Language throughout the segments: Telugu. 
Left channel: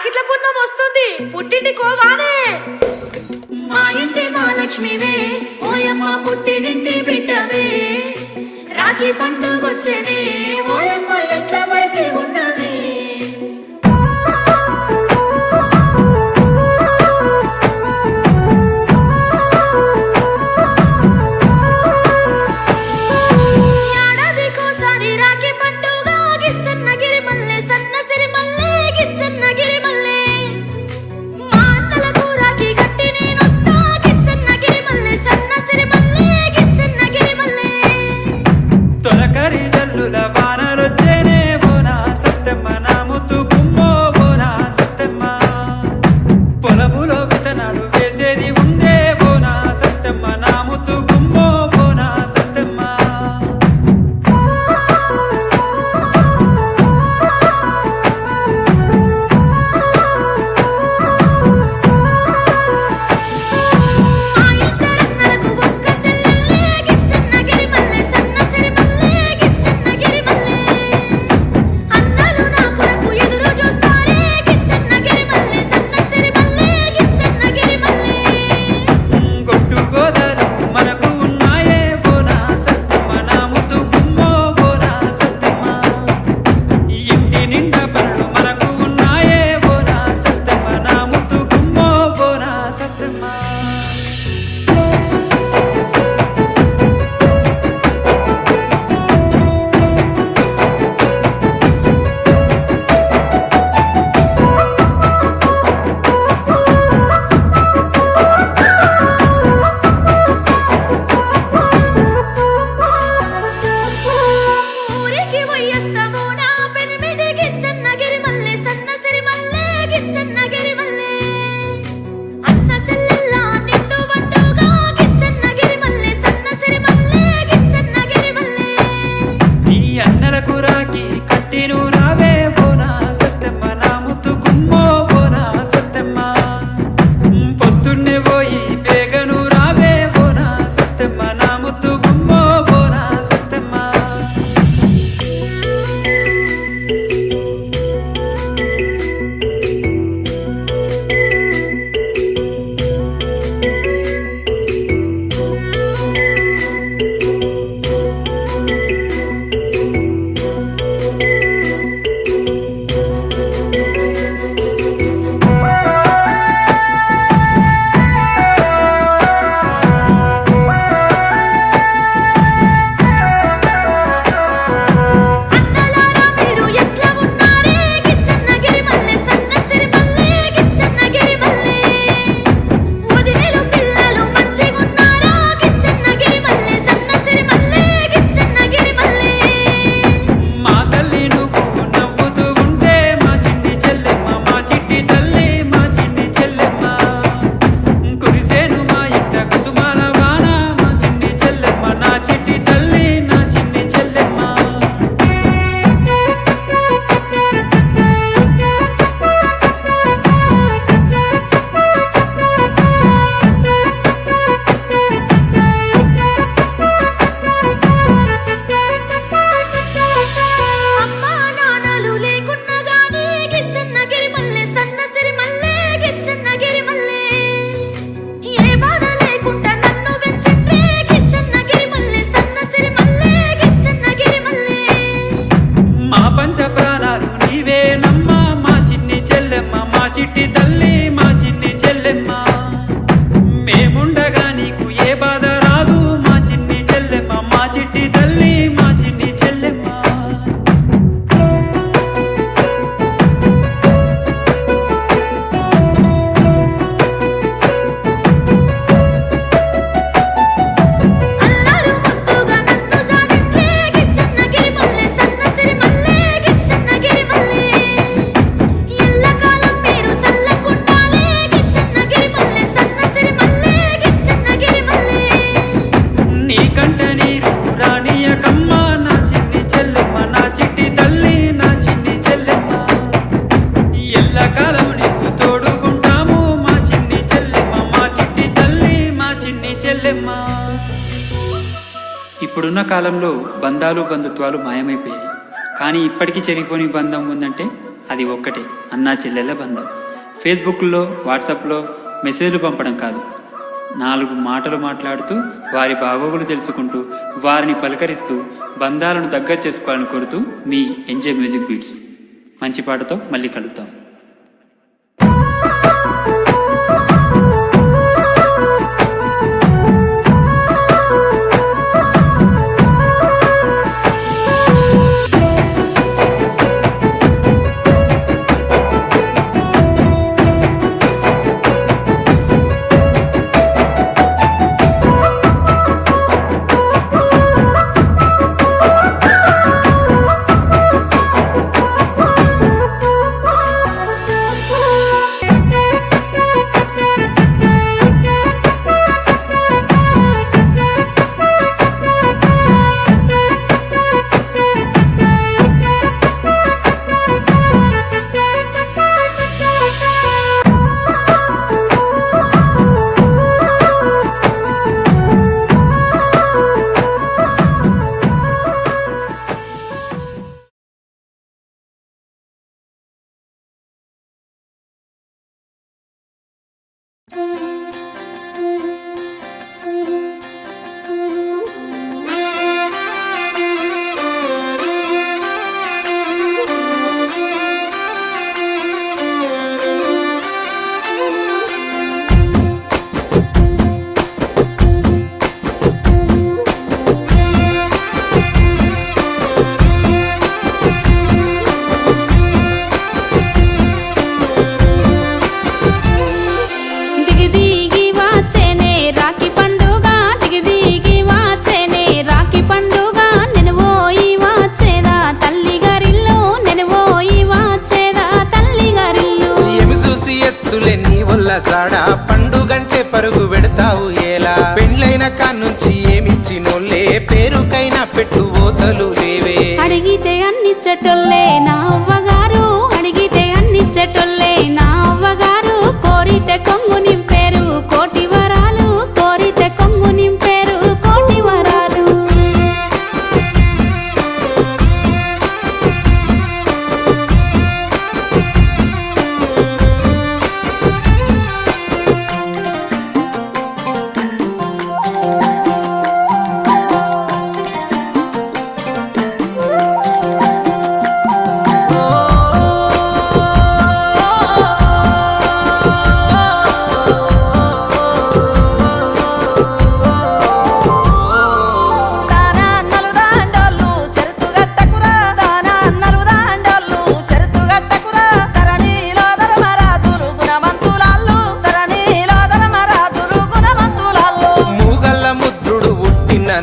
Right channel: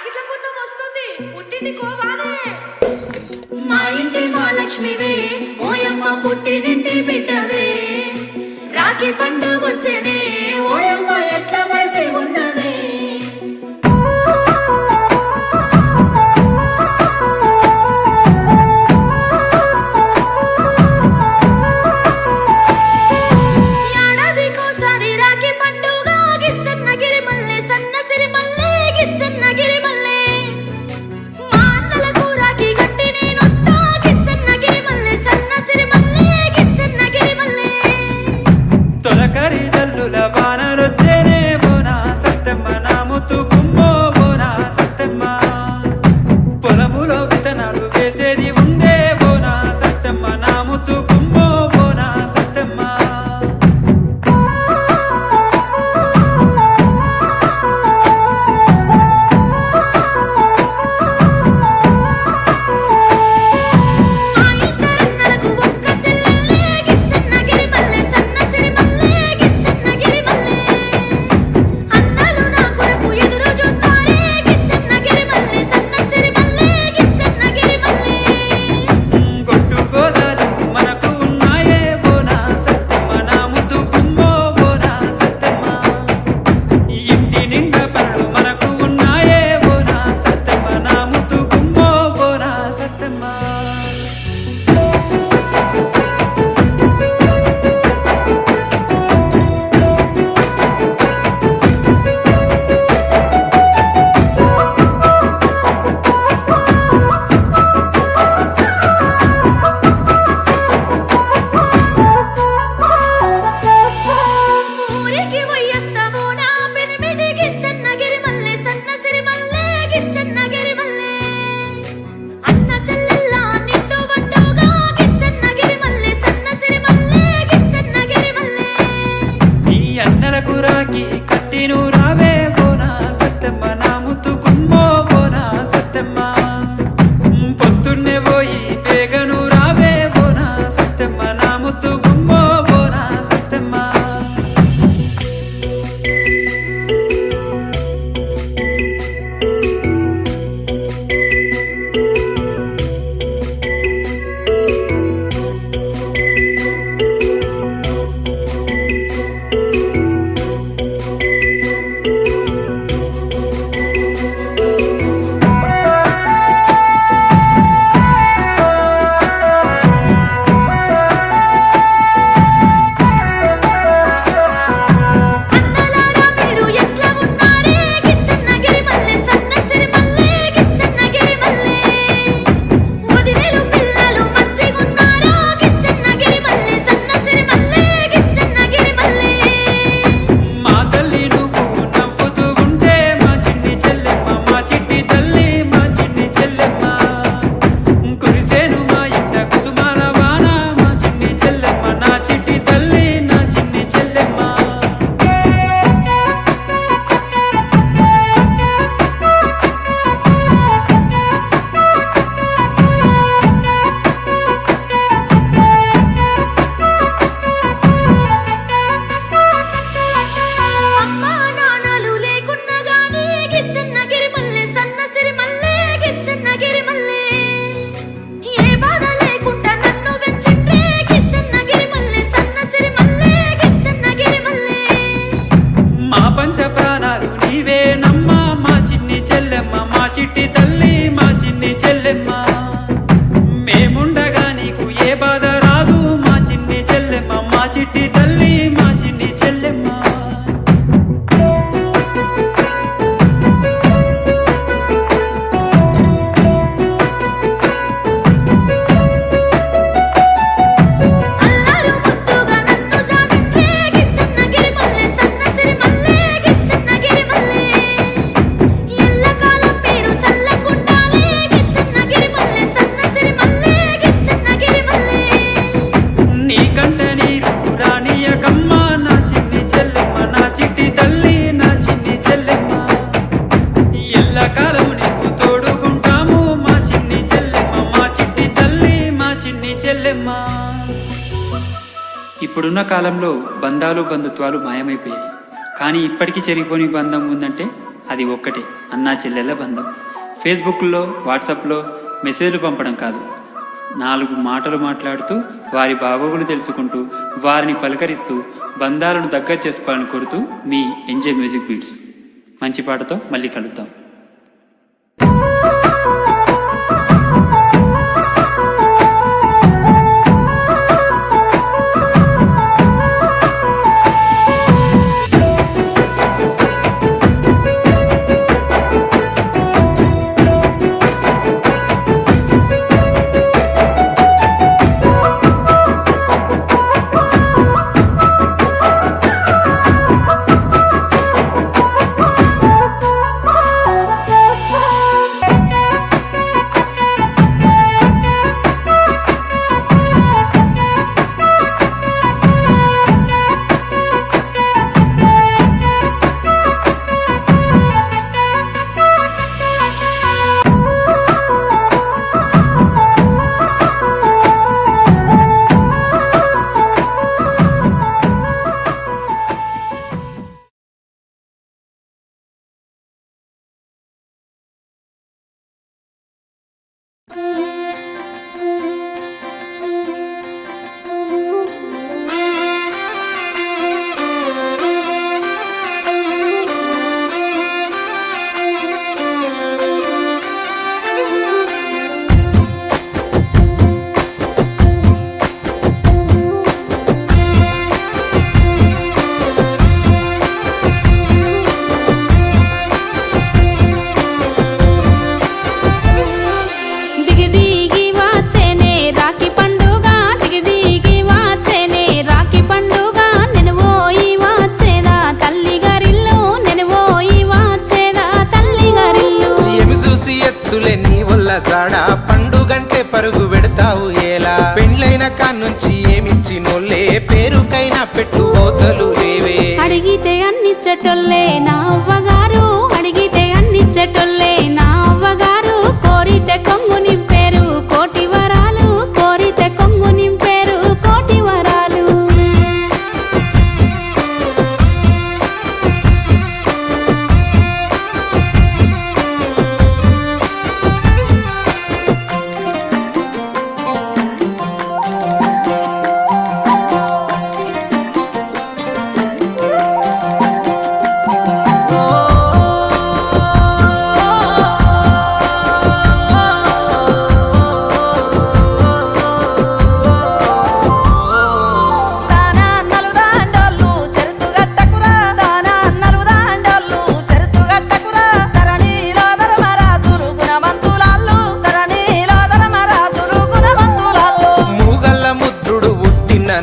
వాకిట్ల పుణ్యం వస్తుంది, పుట్టింటి కోవానే. మా ఇంటి మహాలక్ష్మివే, ఓయమ్మ పుట్టినింటి బిడ్డవే. రాఖీ పండుగొచ్చనే, ఓయమ్మ ఎట్ల వయసి ఉండవే. ఏడాదికోసారి రాఖీ పండుగ, గిచ్చన్నగిరి మల్లె సన్నసిరి మల్లె, గిచ్చన్నగిరి మల్లె. మా అన్నలకు రాఖీ గట్టి నేనొస్తా, గిచ్చన్నగిరి మల్లె సన్నసిరి మల్లె, గిచ్చన్నగిరి మల్లె. తొలకరి జల్లుల వానలొచ్చేనే బోనా సత్తెమ్మ, నా ముత్తు గుమ్మో బోనా సత్తెమ్మ. పొలములో విత్తనాలు వేసేది ఉందే బోనా సత్తెమ్మ, నా ముత్తు గుమ్మో బోనా సత్తెమ్మ. మా ఇద్దరన్నలకు ఒక్క చెల్లెల్లే, గిచ్చన్నగిరి మల్లె సన్నసిరి మల్లె, గిచ్చన్నగిరి మల్లె. అన్నలు నా కొరకు ఎదురు చూస్తారే, గిచ్చన్నగిరి మల్లె సన్నసిరి మల్లె, గిచ్చన్నగిరి మల్లె. గొట్టు గోదాలు మనకు ఉన్నాయే బోనా సత్తెమ్మ, నా ముత్తు గుమ్మో బోనా సత్తెమ్మ. ఇంటి నిండా పనులు మనకు ఉన్నాయే బోనా సత్తెమ్మ, నా ముత్తు గుమ్మో బోనా సత్తెమ్మ. ఊరికి పోయేస్తావో నా పెనిమిటి, గిచ్చన్నగిరి మల్లె సన్నసిరి మల్లె, గిచ్చన్నగిరి మల్లె. అన్న చెల్లెల్ల నిండు బండుగా, గిచ్చన్నగిరి మల్లె సన్నసిరి మల్లె, గిచ్చన్నగిరి మల్లె. నీ అన్నలకు రాకి కట్టిను రావే బోనా సత్తెమ్మ, నా ముత్తు గుమ్మో బోనా సత్తెమ్మ. పొద్దున్నే పోయి బేగను రావే బోనా సత్తెమ్మ, నా ముత్తు గుమ్మో బోనా సత్తెమ్మ. అన్నలారా మీరు ఎట్లా ఉన్నారే, గిచ్చన్నగిరి మల్లె సన్నసిరి మల్లె, గిచ్చన్నగిరి మల్లె. వదినేలు పిల్లలు మంచిగున్నారా, గిచ్చన్నగిరి మల్లె సన్నసిరి మల్లె, గిచ్చన్నగిరి మల్లె. మా తల్లి నువ్వు నవ్వుతూ ఉంటే మా చిన్ని చెల్లెమ్మ, మా చిట్టి తల్లి మా చిన్ని చెల్లెమ్మ. కురిసేను మా ఇంట కుసుమాల వాన, మా చిన్ని చెల్లెమ్మ, నా చిట్టి తల్లి నా చిన్ని చెల్లెమ్మ. అమ్మా నాన్నలు లేకున్నా గానీ, గిచ్చన్నగిరి మల్లె సన్నసిరి మల్లె, గిచ్చన్నగిరి మల్లె. ఏ బాధ లేకుండా నన్ను పెంచిండ్రే, గిచ్చన్నగిరి మల్లె సన్నసిరి మల్లె, గిచ్చన్నగిరి మల్లె. మా పంచ ప్రాణాలు నీవేనమ్మా, మా చిన్ని చెల్లెమ్మ, మా చిట్టి తల్లి మా చిన్ని చెల్లెమ్మ. మేముండగా నీకు ఏ బాధ రాదు, మా చిన్ని చెల్లెమ్మ, మా చిట్టి తల్లి మా చిన్ని చెల్లెమ్మ. అల్లారు ముద్దుగా నన్ను సాగిండ్రే, గిచ్చన్నగిరి మల్లె సన్నసిరి మల్లె, గిచ్చన్నగిరి మల్లె. ఎల్లకాలం మీరు సల్లగుండాలి, గిచ్చన్నగిరి మల్లె సన్నసిరి మల్లె, గిచ్చన్నగిరి మల్లె. నీకంట నీరు రానియకమ్మ, నా చిన్ని చెల్లెమ్మ, నా చిట్టి తల్లి నా చిన్ని చెల్లెమ్మ. ఎల్లకాలం నీకు తోడుకుంటాము, మా చిన్ని చెల్లెమ్మ, మా చిట్టి తల్లి మా చిన్ని చెల్లెమ్మ. ఇప్పుడున్న కాలంలో బంధాలు బంధుత్వాలు మాయమైపోయాయి. కానీ ఇప్పటికీ చెరిగిపోని బంధం ఉందంటే అది ఒక్కటే, అన్నా చెల్లెళ్ళ బంధం. ఫేస్బుక్లో, వాట్సాప్లో మెసేజ్లు పంపడం కాదు, 4 మాటలు మాట్లాడుతూ వారి బాగోగులు తెలుసుకుంటూ వారిని పలకరిస్తూ బంధాలను దగ్గర చేసుకోవాలని కోరుతూ మీ ఎంజాయ్ మ్యూజిక్ బీట్స్. మంచి పాటతో మళ్ళీ కలుద్దాం. నీ వల్ల జాడా పండుగంటే పరుగు పెడతావు ఏలా? పెండ్లైన కాన్నుంచి ఏమిచ్చినోళ్ళే పేరుకైనా పెట్టుబోతలు లేవే. అడిగితే అన్నిచ్చటోళ్ళే నా అవ్వగారు, అడిగితే అన్నిచ్చటోళ్ళే నా అవ్వగారు. కోరితే కొంగు నింపేరు కోటి వరాలు, కోరితే కొంగు నింపేరు కోటి వరాలు.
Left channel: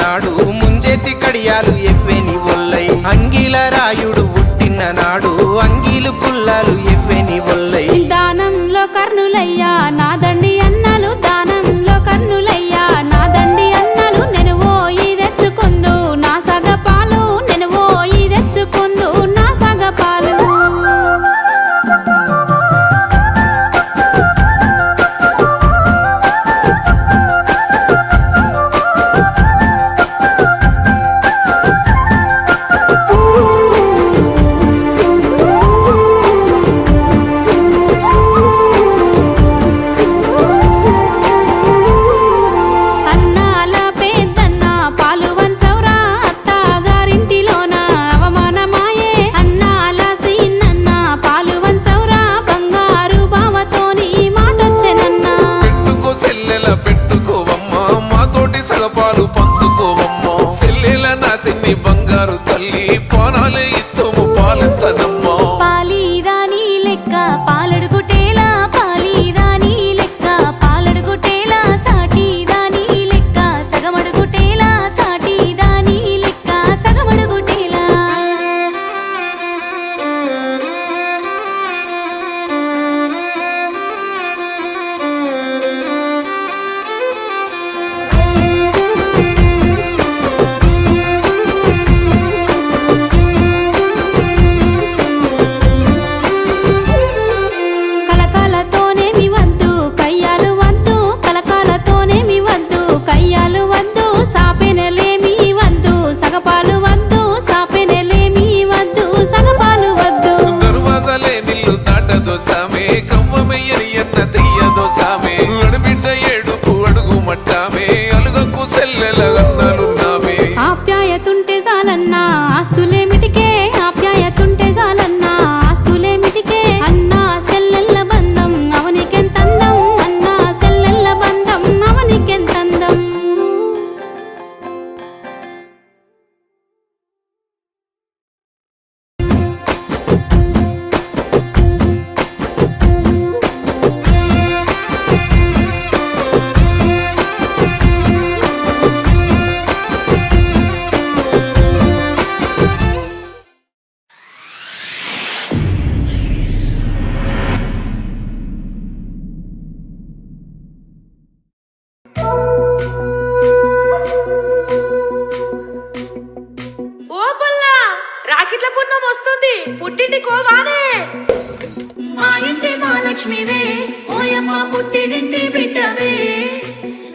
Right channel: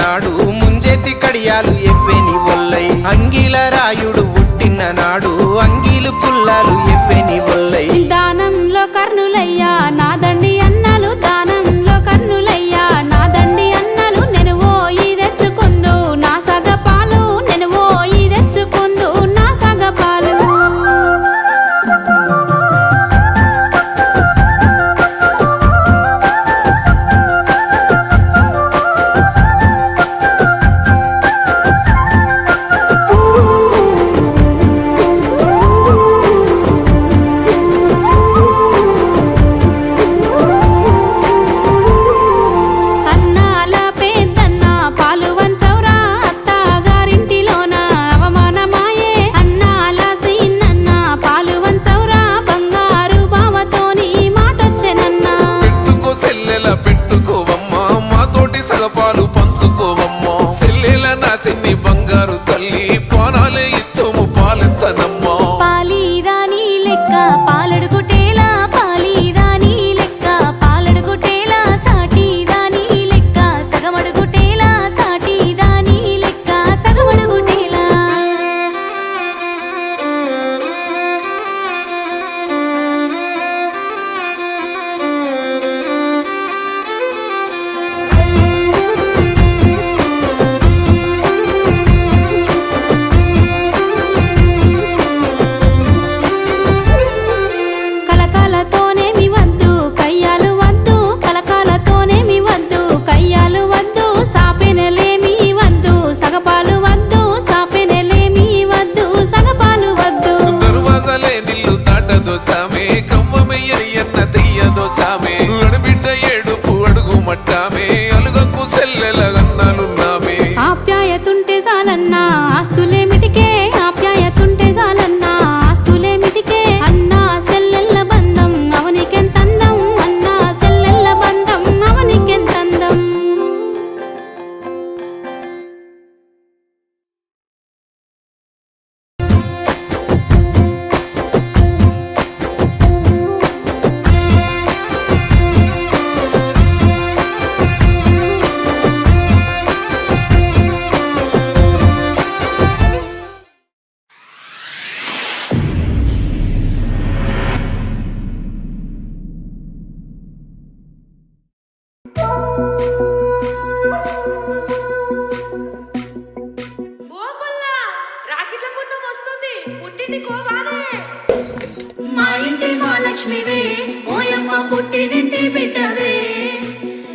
నాడు ముంజేతి కడియాలు ఎవ్వెని ఒల్లై, అంగిల రాయుడు పుట్టిన నాడు అంగీలు పుల్లాలు ఎవ్వెని ఒల్లై. దానంలో కర్ణులయ్యా నా దండి అన్నలు, దానంలో కర్ణులయ్యా నా దండి అన్నలు. నేను పోయి తెచ్చుకుందు నా సగపాలు, నేను పోయి తెచ్చుకుందు నా సగపాలు. పాలు పంచుకోవమ్మా, సెల్లెల నా సిన్ని బంగారు తల్లి, పానాలే ఇత్తము పాలెత్తనమ్మా. పాలీదాని లెక్క పాలడుగుటేలా, పాలీదాని లెక్క పాలడుగుటేలా, సాటిదాని లెక్క సగమడుగుటేలా, సాటిదాని లెక్క సగమడుగుటేలా. ఉంటదో సామే కవ్వమెయ్యని అన్న తెయ్యదో సామే అడబిడ్డ ఏడుపు అడుగు మట్టామే అలుగకు సెల్లెల అన్నాలున్నామే ఆప్యాయతుంటే చాలన్నా ఆస్తులేమిటికే ఆప్యాయతుంటే చాలన్నా ఆస్తులేమిటికే అన్నా సెల్లెల్ల బంధం అవనికెంతందం అన్నా సెల్లెల్ల బంధం అవనికెంతందం ఓ పుల్లా రాకిట్ల పున్నం వస్తుంది పుట్టింటి కోవానే మా ఇంటి మహాలక్ష్మివే ఓయమ్మ పుట్టినింటి బిడ్డవే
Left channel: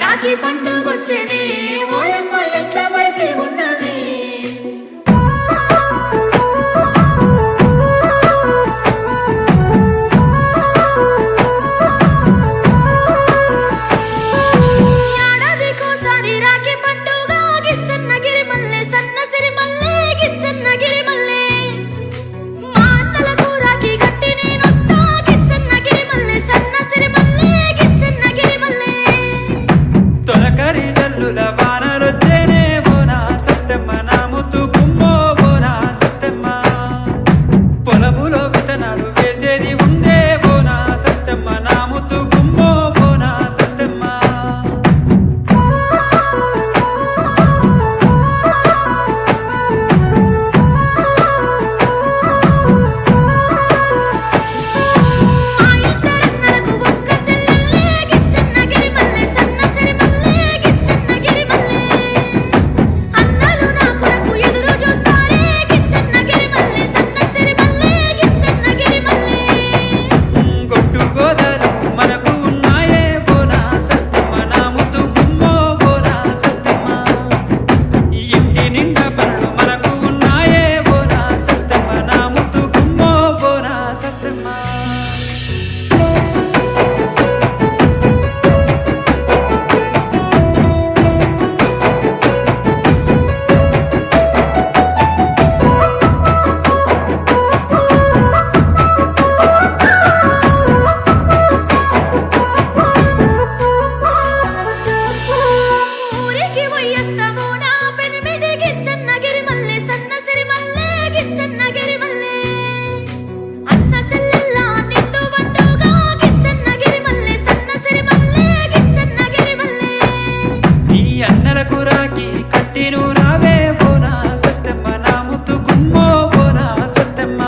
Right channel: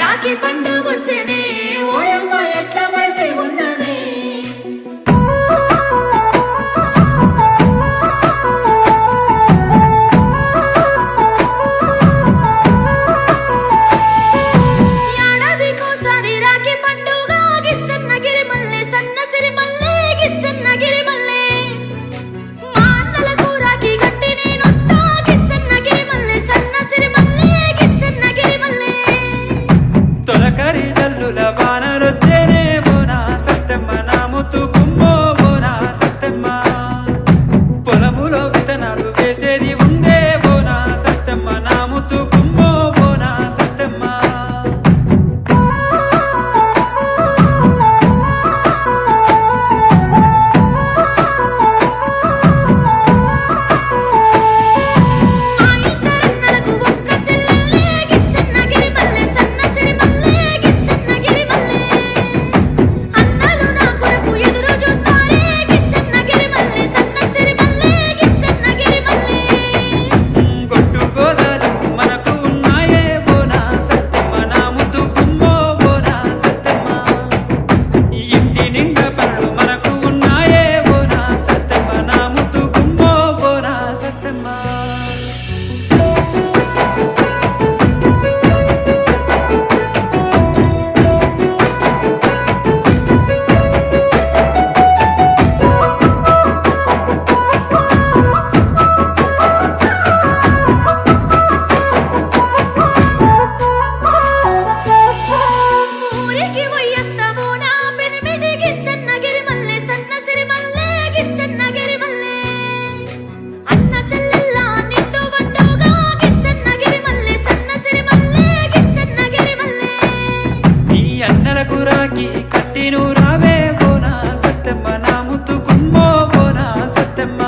రాఖీ పండుగొచ్చేనే ఓయమ్మ ఎట్ల వయసి ఉండవే ఏడాదికోసారి రాఖీ పండుగ గిచ్చన్నగిరి మల్లె సన్నసిరి మల్లె గిచ్చన్నగిరి మల్లె మా అన్నలకు రాఖీ కట్టి నేనొస్తా గిచ్చన్నగిరి మల్లె సన్నసిరి మల్లె గిచ్చన్నగిరి మల్లె తొలకరి జల్లుల వానలొచ్చేనే బోనా సత్తెమ్మ నా ముత్తు గుమ్మో బోనా సత్తెమ్మ పొలములో విత్తనాలు వేసేది ఉందే బోనా సత్తెమ్మ నా ముత్తు గుమ్మో బోనా సత్తెమ్మ మా ఇద్దరన్నలకు ఒక్క చెల్లెల్లే గిచ్చన్నగిరి మల్లె సన్నసిరి మల్లె గిచ్చన్నగిరి మల్లె అన్నలు నా కొరకు ఎదురు చూస్తారే గిచ్చన్నగిరి మల్లె సన్నసిరి మల్లె గిచ్చన్నగిరి మల్లె గొట్టు గోదాలు మనకు ఉన్నాయే బోనా సత్తెమ్మ నా ముత్తు గుమ్మో బోనా సత్తెమ్మ ఇంటి నిండా పనులు మనకు ఉన్నాయే బోనా సత్తెమ్మ నా ముత్తు గుమ్మో బోనా సత్తెమ్మ ఊరికి పోయేస్తావో నా పెనిమిటి గిచ్చన్నగిరి మల్లె సన్నసిరి మల్లె గిచ్చన్నగిరి మల్లె అన్న చెల్లెల్ల నిండు వండుగా గిచ్చన్నగిరి మల్లె సన్నసిరి మల్లె గిచ్చన్నగిరి మల్లె నీ అన్నలకు రాకి కట్టిను రావే బోనా సత్తెమ్మ నా ముత్తు గుమ్మో బోనా సత్తెమ్మ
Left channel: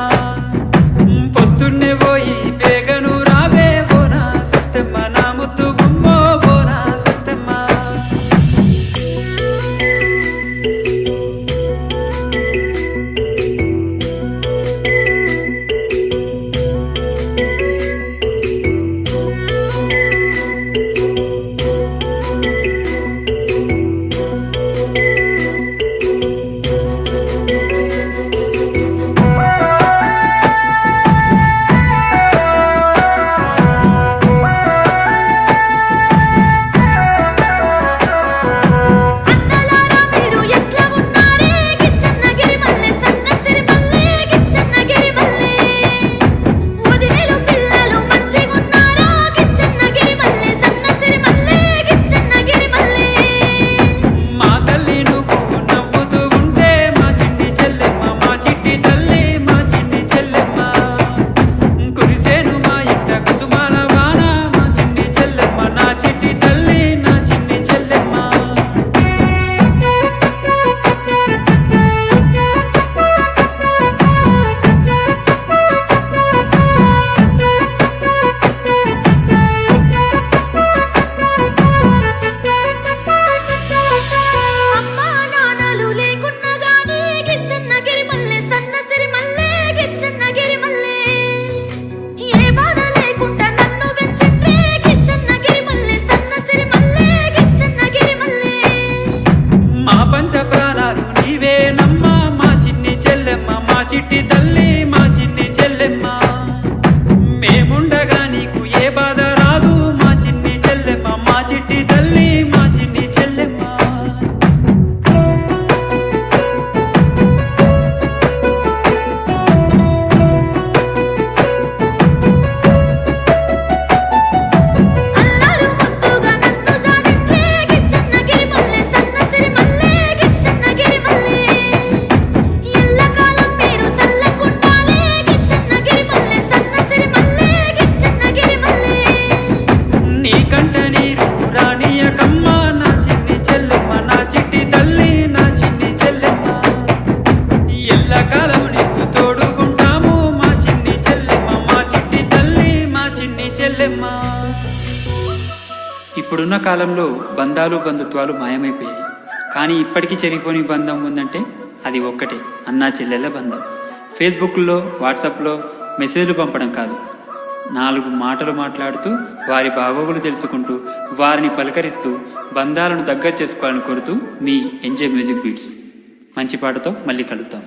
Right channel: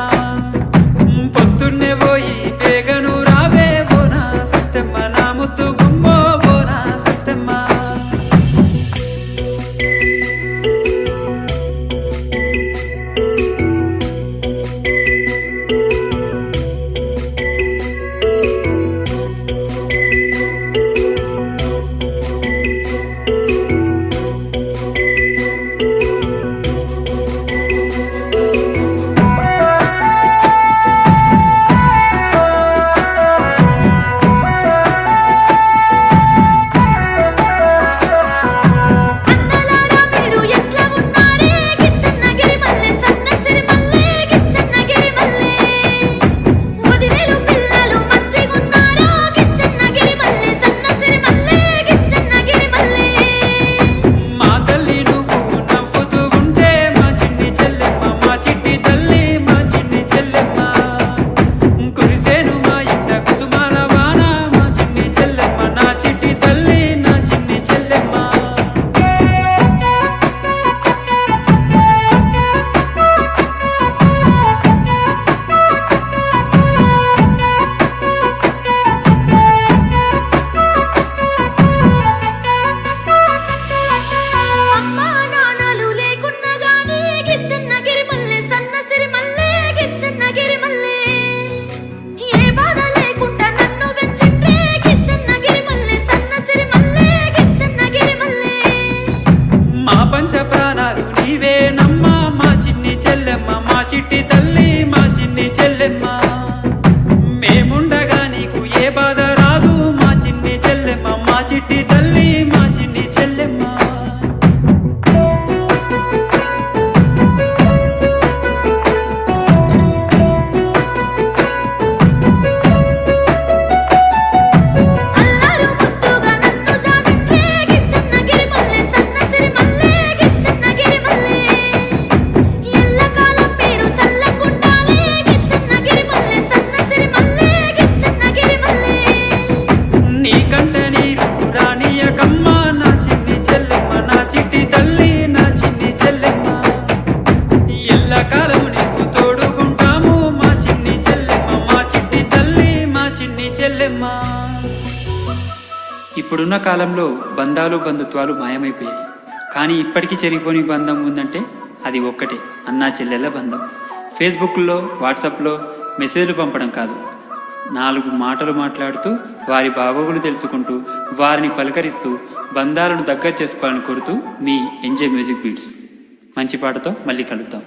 పొద్దున్నే పోయి బేగను రావే బోనా సత్తెమ్మ నా ముత్తు గుమ్మో బోనా సత్తెమ్మ అన్నలారా మీరు ఎట్లా ఉన్నారే గిచ్చన్నగిరి మల్లె సన్నసిరి మల్లె గిచ్చన్నగిరి మల్లె వదినేలు పిల్లలు మంచిగున్నారా గిచ్చన్నగిరి మల్లె సన్నసిరి మల్లె గిచ్చన్నగిరి మల్లె మా తల్లి నువ్వు నవ్వుతూ ఉంటే మా చిన్ని చెల్లెమ్మ మా చిట్టి తల్లి మా చిన్ని చెల్లెమ్మ కురిసేను మా ఇంట కుసుమాల వాన మా చిన్ని చెల్లెమ్మ నా చిట్టి తల్లి నా చిన్ని చెల్లెమ్మ అమ్మా నాన్నలు లేకున్నా గానీ గిచ్చన్నగిరి మల్లె సన్నసిరి మల్లె గిచ్చన్నగిరి మల్లె ఏ బాధ లేకుండా నన్ను వెంచిండ్రే గిచ్చన్నగిరి మల్లె సన్నసిరి మల్లె గిచ్చన్నగిరి మల్లె మా పంచ ప్రాణాలు నీవేనమ్మా మా చిన్ని చెల్లెమ్మ మా చిట్టి తల్లి మా చిన్ని చెల్లెమ్మ మేముండగా నీకు ఏ బాధ రాదు మా చిన్ని చెల్లెమ్మ మా చిట్టి తల్లి మా చిన్ని చెల్లెమ్మ అల్లారు ముద్దుగా నన్ను సాధించే గిచ్చన్నగిరి మల్లె సన్నసిరి మల్లె గిచ్చన్నగిరి మల్లె ఎల్లకాలం పేరు సల్లకుండాలే గిచ్చన్నగిరి మల్లె సన్నసిరి మల్లె గిచ్చన్నగిరి మల్లె నీకంట నీరు రానియకమ్మ నా చిన్ని చెల్లెమ్మ నా చిట్టి తల్లి నా చిన్ని చెల్లెమ్మ ఎల్లకాలం నీకు తోడుకుంటాము మా చిన్ని చెల్లెమ్మ మా చిట్టి తల్లి మా చిన్ని చెల్లెమ్మ. ఇప్పుడున్న కాలంలో బంధాలు బంధుత్వాలు మాయమైపోయాయి. కానీ ఇప్పటికీ చెరిగిపోని బంధం ఉందంటే అది ఒక్కటే, అన్నా చెల్లెళ్ళ బంధం. ఫేస్బుక్లో వాట్సాప్లో మెసేజ్లు పంపడం కాదు, 4 మాటలు మాట్లాడుతూ వారి బాగోగులు తెలుసుకుంటూ వారిని పలకరిస్తూ బంధాలను దగ్గర చేసుకోవాలని కోరుతూ మీ ఎంజాయ్ మ్యూజిక్ బీట్స్. మంచి పాటతో మళ్ళీ కలుద్దాం.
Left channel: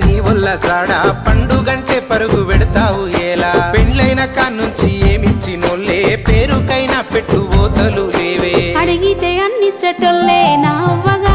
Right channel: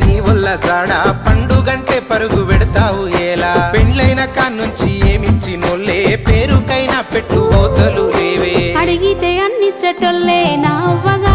నీ వల్ల జాడ పండుగంటే పరుగు పెడతావు ఏలా పెండ్లైన కాన్నుంచి ఏమిచ్చినోళ్ళే పేరుకైనా పెట్టు ఓతలు లేవే అడిగితే అన్ని చెట్టులే నా అవ్వగా